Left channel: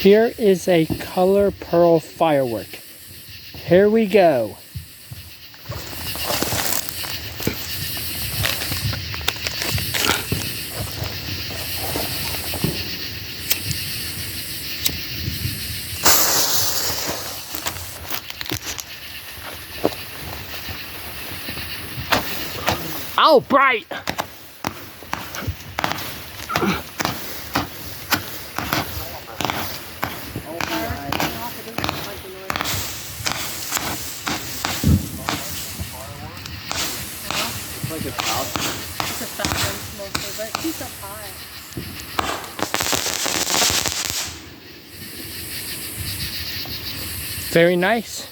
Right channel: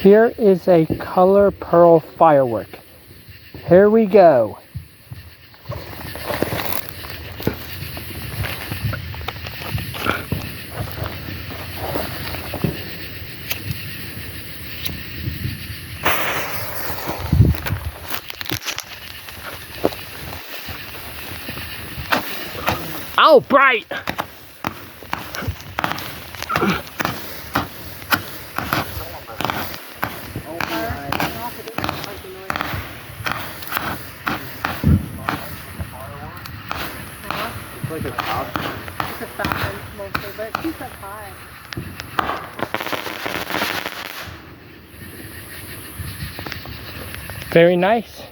Here is a color pearl firework. Here we go. Oh, bright! It's like a top. It's a falcon mostly, but it keeps up high. Very nice.